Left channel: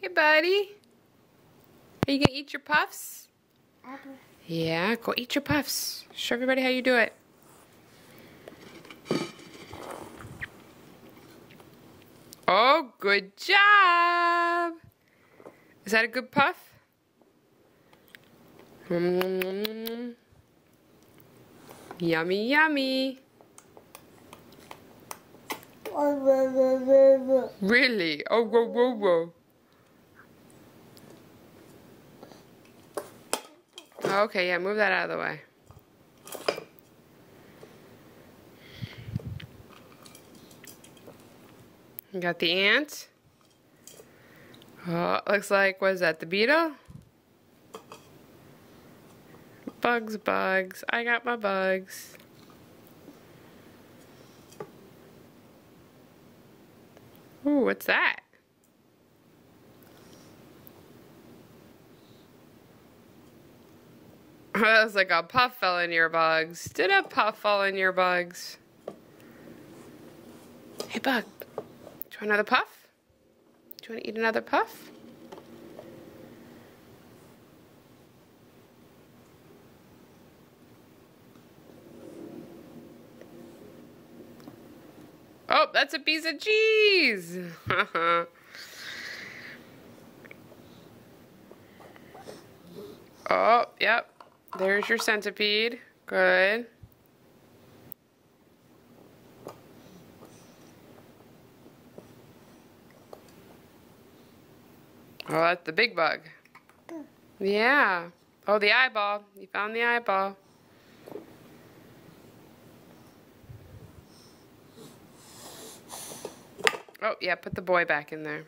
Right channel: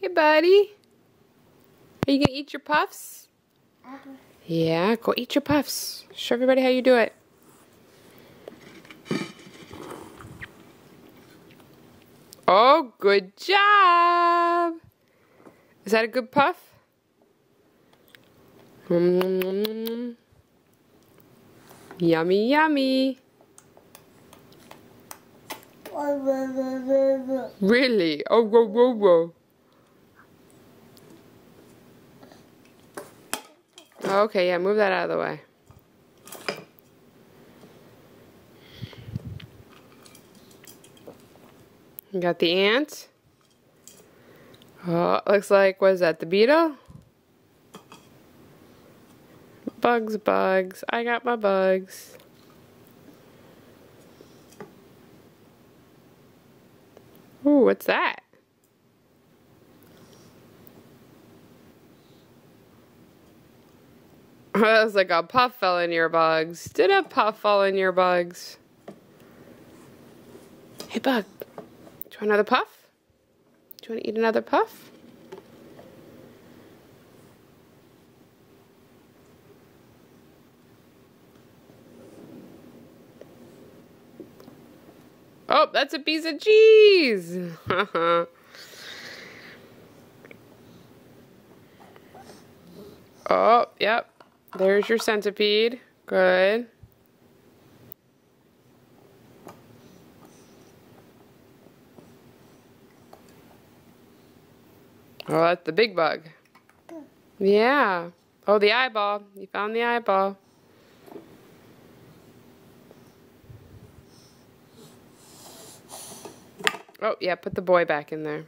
Hey, buddy. Are you gonna eat your puffs? Yeah, go eat your puffs. Show everybody how you do it. Oh, good job. Is that a good puff? Yummy, yummy. Really? Oh, whoa, whoa, whoa. Okay, yeah, move that out of the way. You got the ant. Oh, looks like, what is that, the beetle? Bugs, bugs. I got my bugs. Ooh, what's that? Oh, that was like a puff fell in your bugs. Did a puff fall in your bugs? Hey, bug. Do you want another puff? Do you want to eat another puff? Oh, that's a piece of cheese. Oh, yep. There's your centipede. Good. Oh, that's the big bug. Yeah. Oh, the eyeball. You found the eyeball. Oh, yeah, put the boy back in there.